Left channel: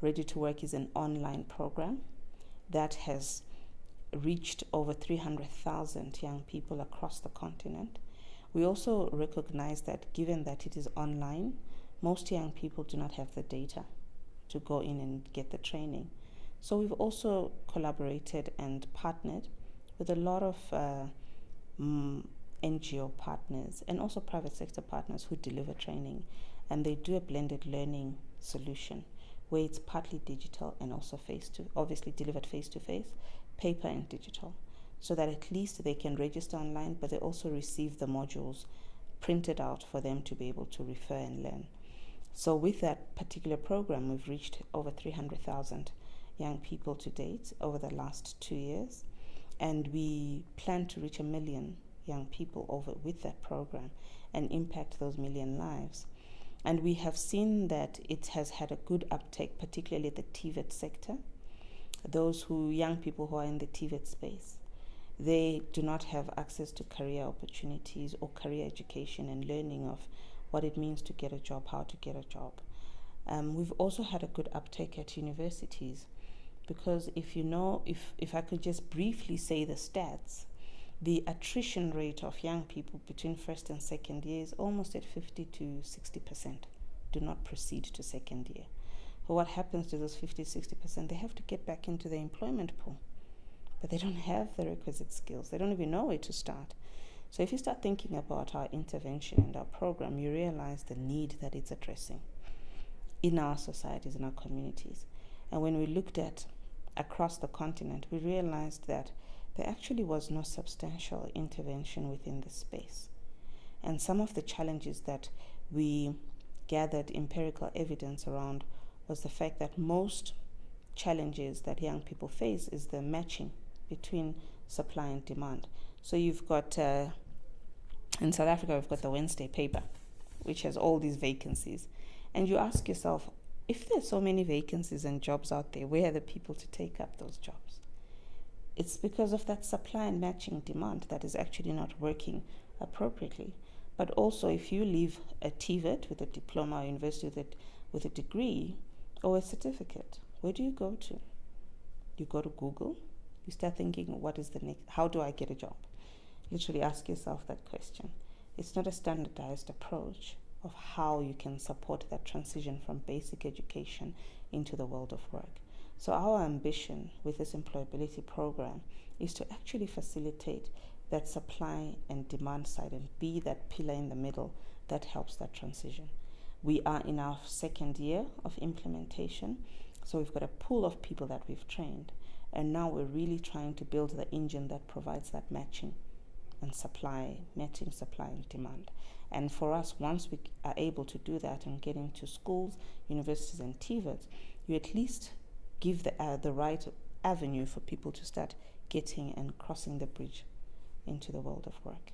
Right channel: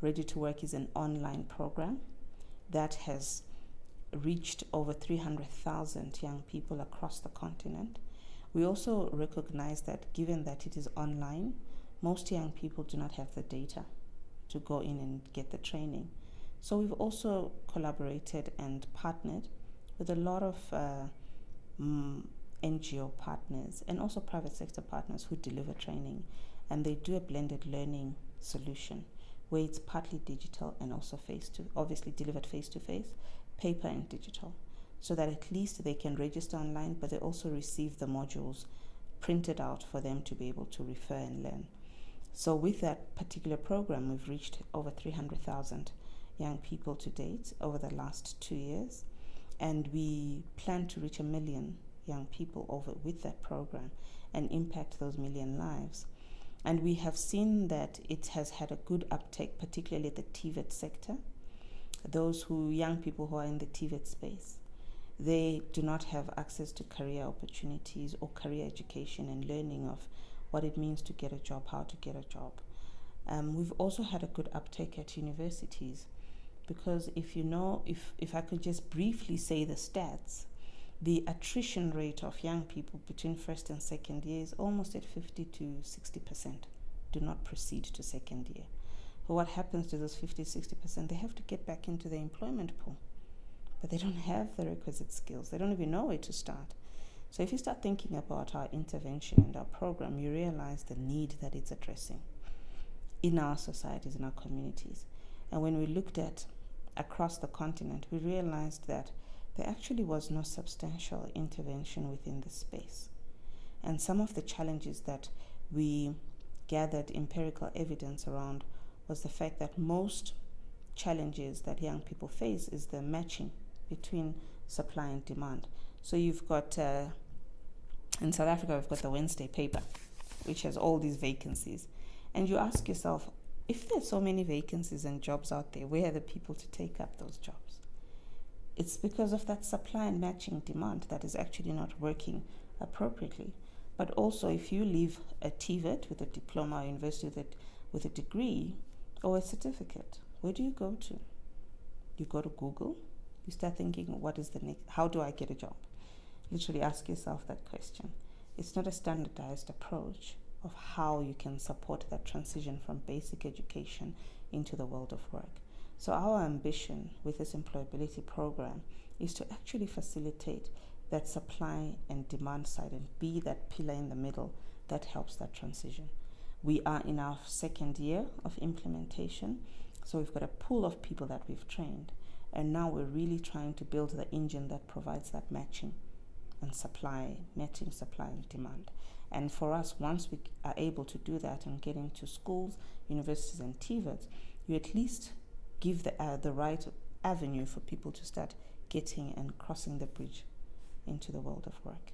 Ready to Work is an online program that has reached over 300,000 young people across the continent. We also recognize that given that it is online, most young people do not have the data to go in and get the training. So we've also collaborated and partnered with a lot of NGO partners and also private sector partners who deliver training, and they do a blended learning solution where it's partly digital and also obviously delivered face-to-face, paper and digital, so that at least they can register online, but they also receive the modules printed out for them to be able to refer and learn. So with that particular program, we've reached over 300,000 young people to date over the last 2 years, and we plan to reach 1 million young people over with that program and impact those 1 million lives. And we have seen that it has had a good uptake, particularly the TVET sector. Young people who are in the TVET space, they do not have access to career opportunities or career education and learning of what it means to get a job, how to get a job. We've also had a good uptake at universities, because if I could just briefly say the stats, the attrition rate of young people between first and second year is almost at 50 to 60% do not proceed to second year. So what happens to those 50, 60%? They have to get back into the employment pool, but they don't have the requisite skills. They don't even know where to start. So if you start thinking about our intervention and our program, you realize the need that it's addressing in our societies, in our communities. And when we looked at across the continent, we realized that there actually was no substantial intervention within the space. And some of the challenges that we gathered empirical evidence around was the fact that most challenges that young people face is the matching between supply and demand. So you've got, in South Africa, we've got the Wednesday paper, which has all these vacancies. And you ask yourself, if there's so many vacancies and jobs out there, where are the people to take up those jobs? It's because of that supply and matching demand that is actually not working appropriately. But also, if you leave a TVET with a diploma or university with a degree or a certificate, where do you go to? You go to Google. You start thinking, what is the next? How do I get a job? Literally ask yourself that question. It's not a standardized approach of how you can support that transition from basic education into the world of work. So our ambition with this employability program is to actually facilitate that supply and demand side and be that pillar in the middle that helps that transition. We are in our second year of implementation, so we've got a pool of people that we've trained, and now we're really trying to build the engine that provides that matching and demand. And for us, once we are able to do that and get into schools, universities, and TVETs, you at least give the right avenue for people to start getting and crossing the bridge into the world of work.